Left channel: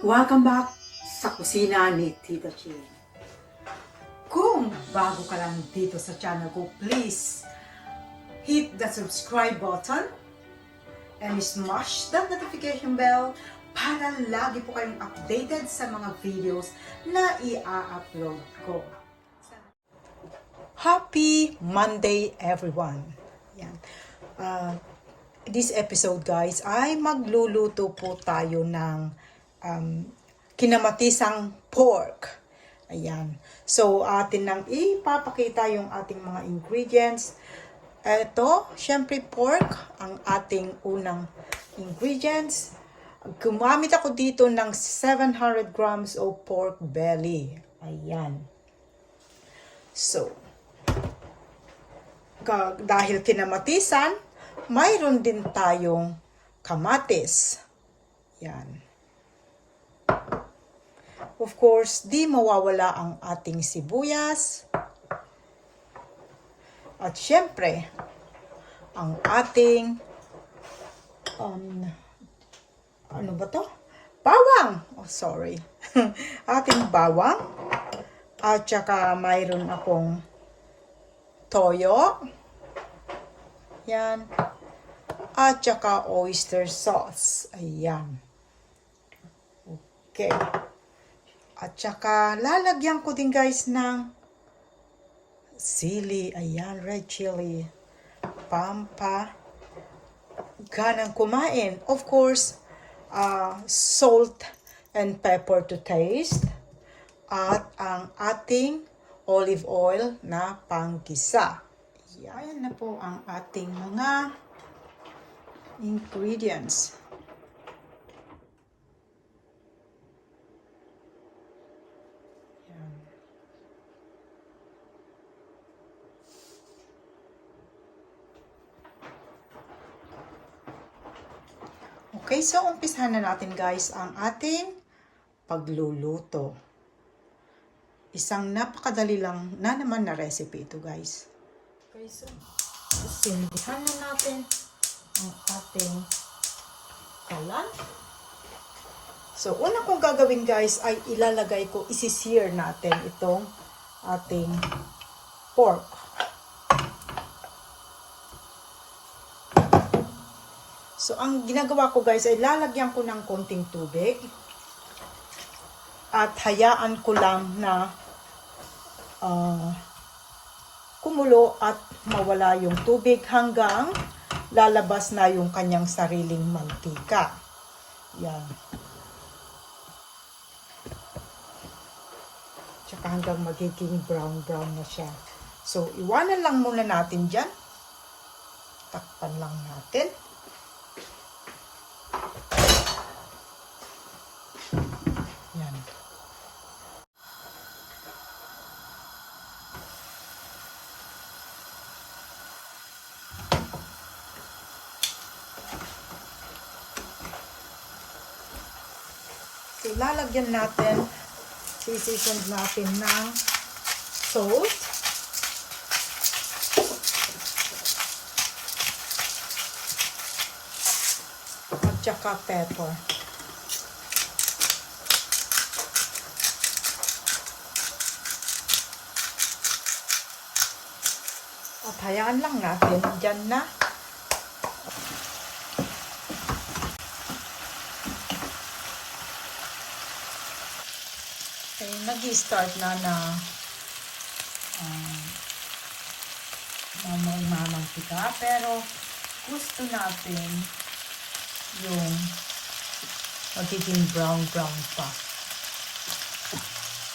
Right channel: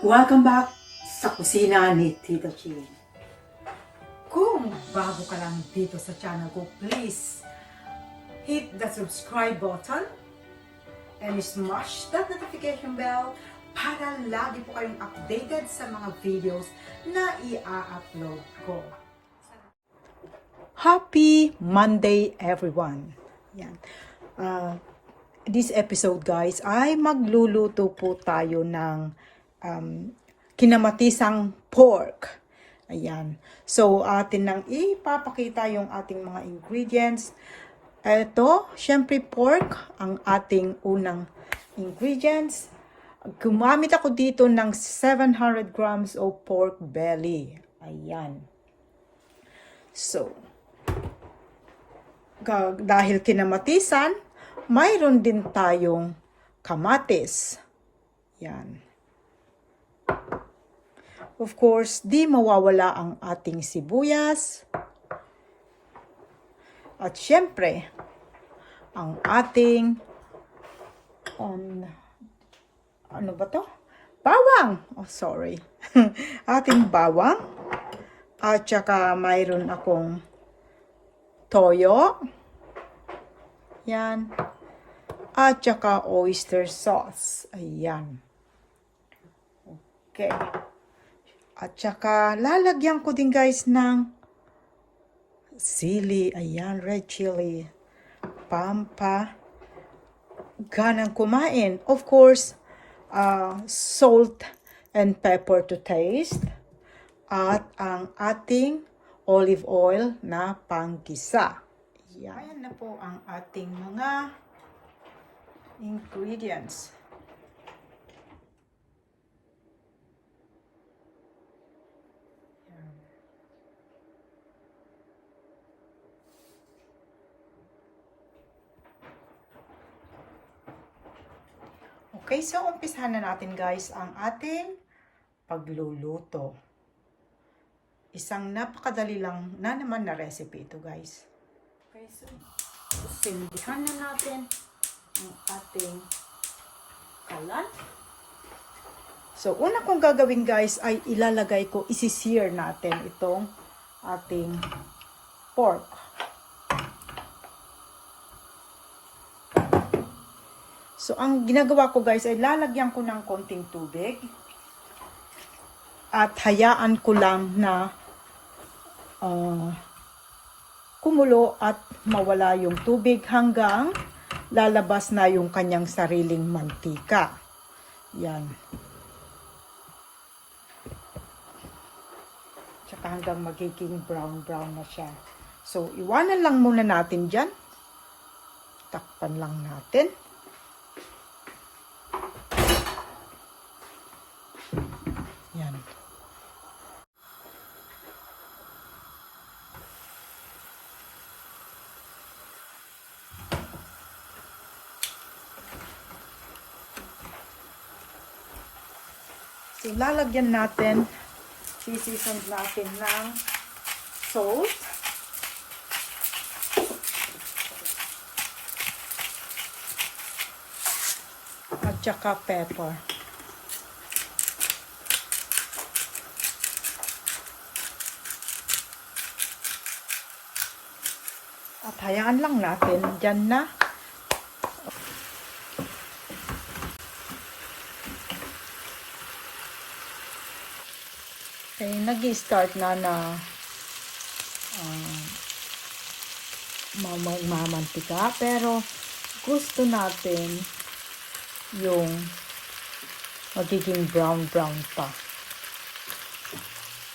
Welcome back sa kusina ni Tita Ching. Kung bago ka lang dito sa channel ko, please hit the subscribe button and smash that notification bell para lagi po kayong updated sa mga videos na i-upload ko. Happy Monday everyone! Yan. This episode guys ay magluluto po tayo ng kinamatisang pork. Ayan. So, atin nang ipapakita yung ating mga ingredients. Ito, syempre pork, ang ating unang ingredients. Gumamit ako dito ng 700 grams of pork belly. Ayan. So, dahil kinamatisan, mayroon din tayong kamatis. Yan. Of course, di mawawala ang ating sibuyas. At syempre, ang ating ano ba to? Bawang! Oh, sorry. Ating bawang. At saka mayroon akong toyo. Yan. At saka oyster sauce. Ayan. Okay. At saka, lalagyan ko din guys ng sili, ayan, red chili, ganang kumain. Of course, salt and pepper to taste. At ang ating olive oil na panggisa. Ayan na po ang ating mga ingredients. Okay, so umpisahan na natin guys ang ating pagluluto. Isang napakadali lang na naman na recipe ito guys. Okay, so sindihan na natin ang ating kalan. So una kong gagawin guys ay ilalagay ko, isi-sear natin itong ating pork. So, ang ginagawa ko guys ay lalagyan ko ng konting tubig at hayaan ko lang na kumulo at mawala yung tubig hanggang lalabas na yung kanyang sariling mantika. Yan. Tsaka hanggang magiging brown na siya. So, iwanan lang muna natin dyan. Takpan lang natin. So, lalagyan natin, sisisod natin ng salt. At saka pepper. At hayaan lang natin, dyan na. Okay, nag-start na mamantika, pero gusto natin yung magiging brown pa.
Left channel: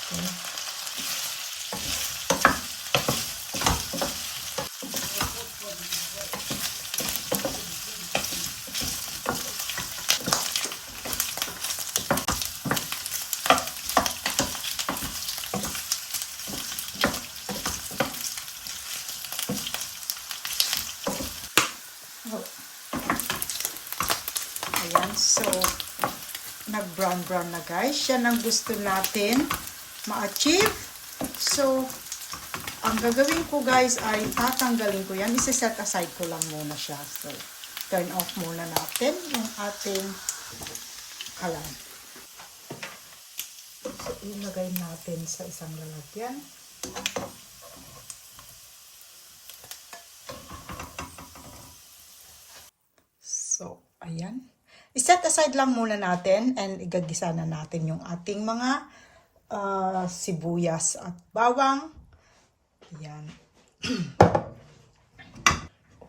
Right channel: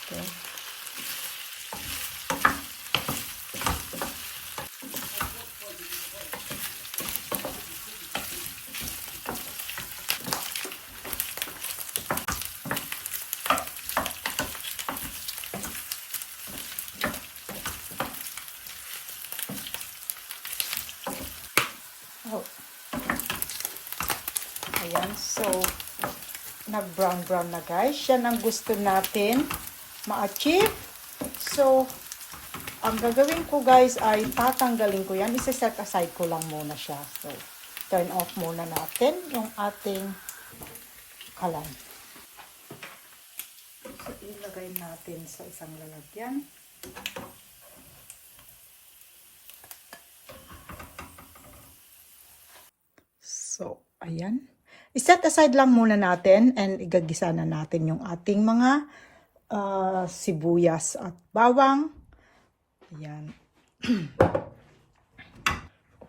Okay. Ayan, so nag-brown na guys. Yan ang gusto natin ma-achieve. So, ang gagawin ko guys ay tatanggalin ko yan. Isa-set aside ko lang muna siya. So, turn off muna natin yung ating kalan. ilagay natin sa isang lalagyan. So, ayan. I-set aside lang muna natin and igagisa na natin yung ating mga sibuyas at bawang. Ayan.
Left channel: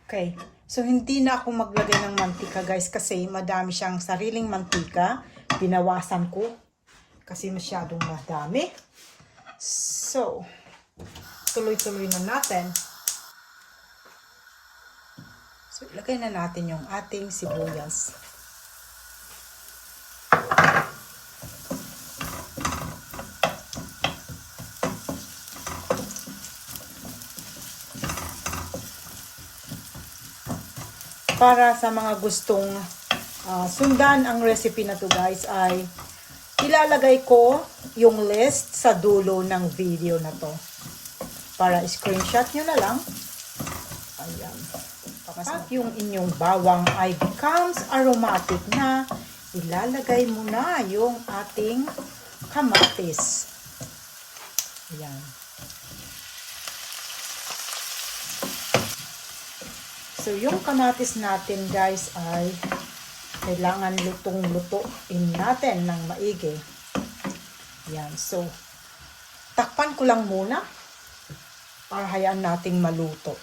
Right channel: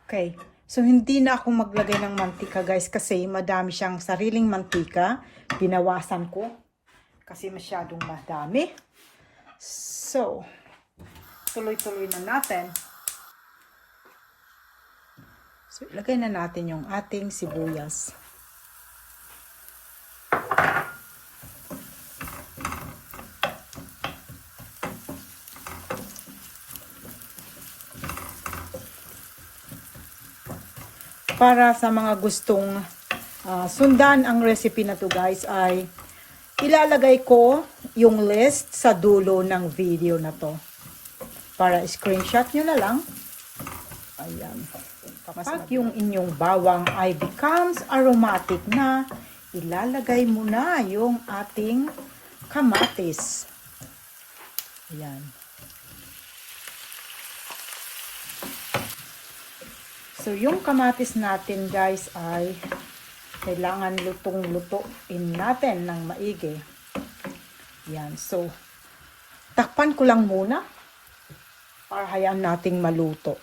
Okay. So, hindi na ako maglagay ng mantika guys kasi madami siyang sariling mantika. Binawasan ko kasi masyadong madami. So, tuloy-tuloy na natin. So, ilagay na natin yung ating sibuyas. Para sa mga gustong sundan ang recipe na to guys ay ilalagay ko yung list sa dulo ng video na to. Para screenshot nyo na lang. Ayan. Kapag yung inyong bawang ay becomes aromatic na, ilalagay mo na yung ating kamatis. Ayan. So, yung kamatis natin guys ay kailangan lutong-lutuin natin ng maigi. Yan. So, takpan ko lang muna para hayaan nating maluto.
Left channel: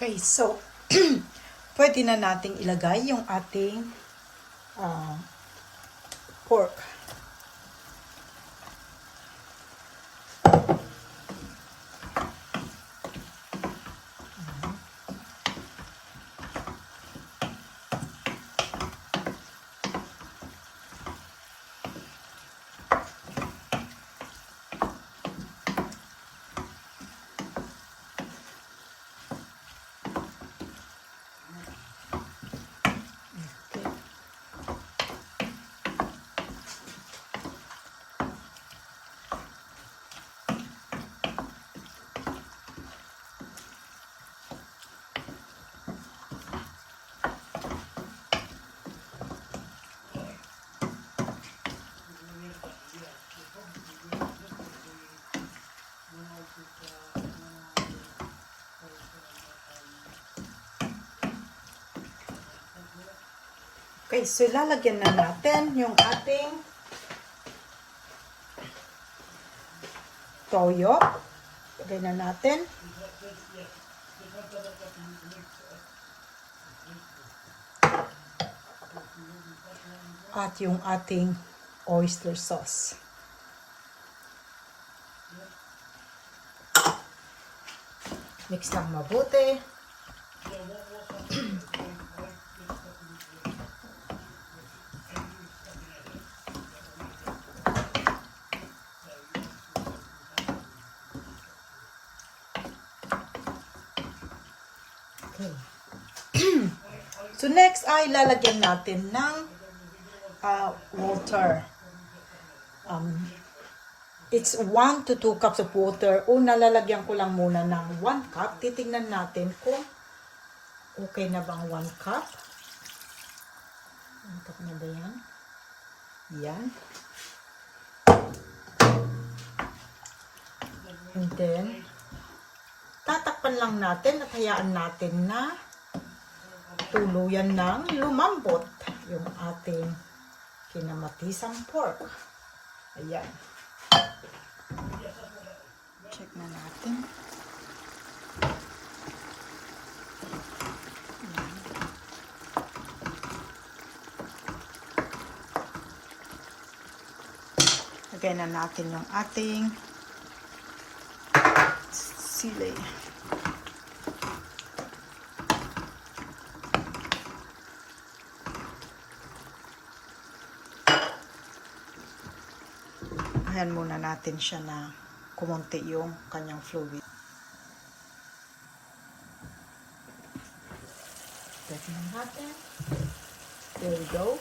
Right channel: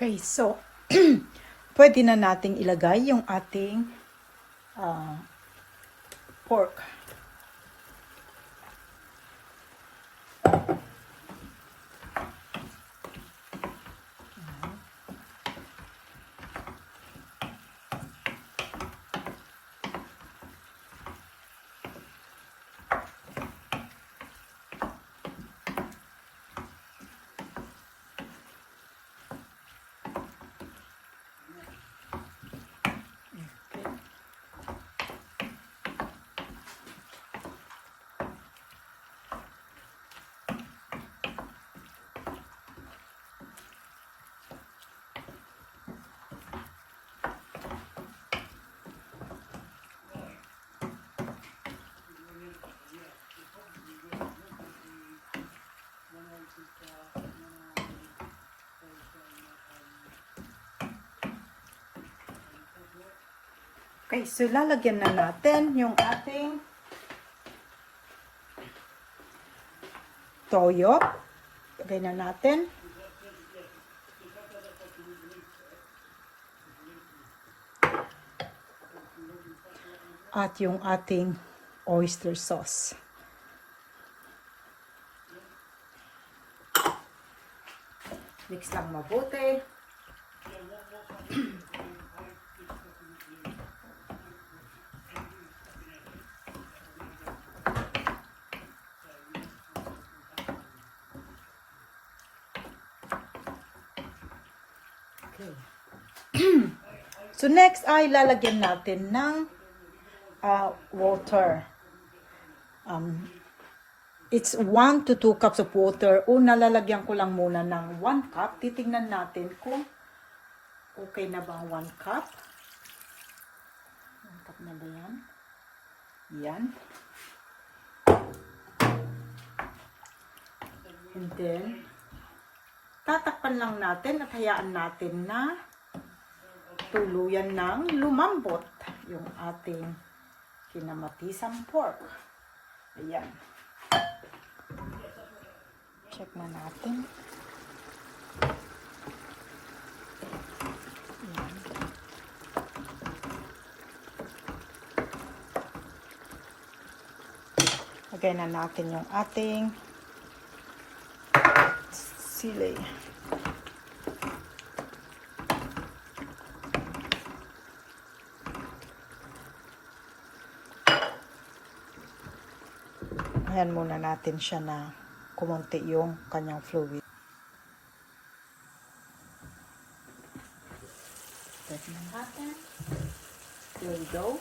Okay, so, pwede na nating ilagay yung ating pork. Okay, so lalagyan na natin yung ating toyo. Lagay na natin. At yung ating oyster sauce. Mix lang mabuti. Okay. So next ay lalagyan natin ng water. It's 1 to 2 cups of water. Una, lalagyan ko lang muna ng 1 cup. Titingnan natin kung okay na bang 1 cup. 1 cup na ba yan? Yan. And then, tatakpan lang natin at hayaan natin na tuluyan ng lumambot yung ating kinamatisan pork. Ayan. Check na natin. Ayan. Lagay na natin yung ating sili. Ayan muna natin siya na kumunti yung kanyang fluid. Tignan natin. There we go.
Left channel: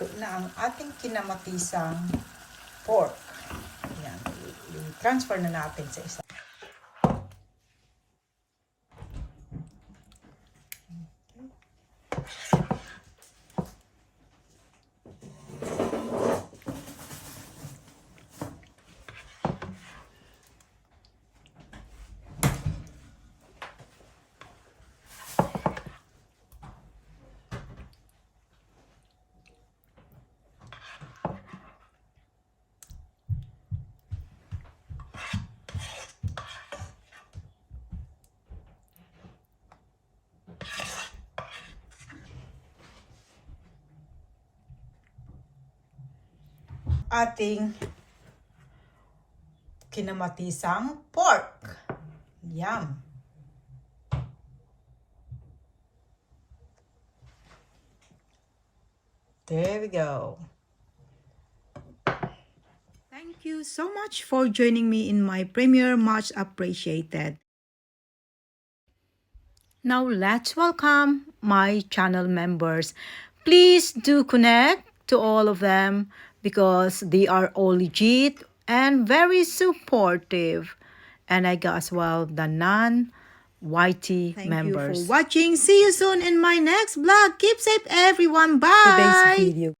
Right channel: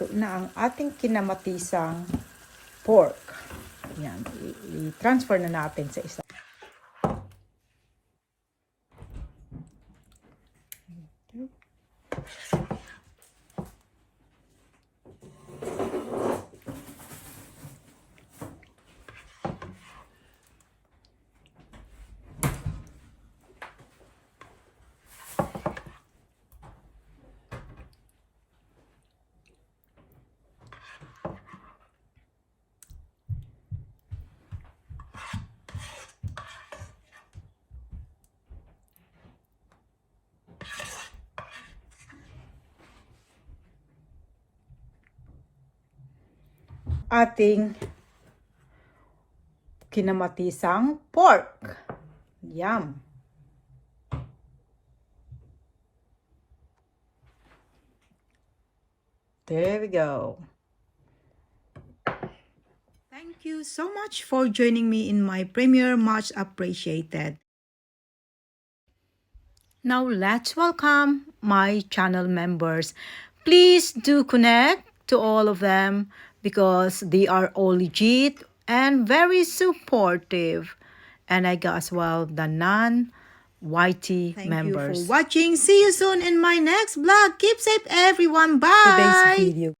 Ito na ang ating kinamatisang pork. Ayan. I-transfer na natin sa isa. Ating kinamatisang pork. Yum! There we go. Thank you so much for joining me in my premiere. Much appreciated. Now let's welcome my channel members. Please do connect to all of them because they are all legit and very supportive. And I got as well the non-YT members. Thank you for watching. See you soon in my next vlog. Keep safe everyone. Bye! Today's video.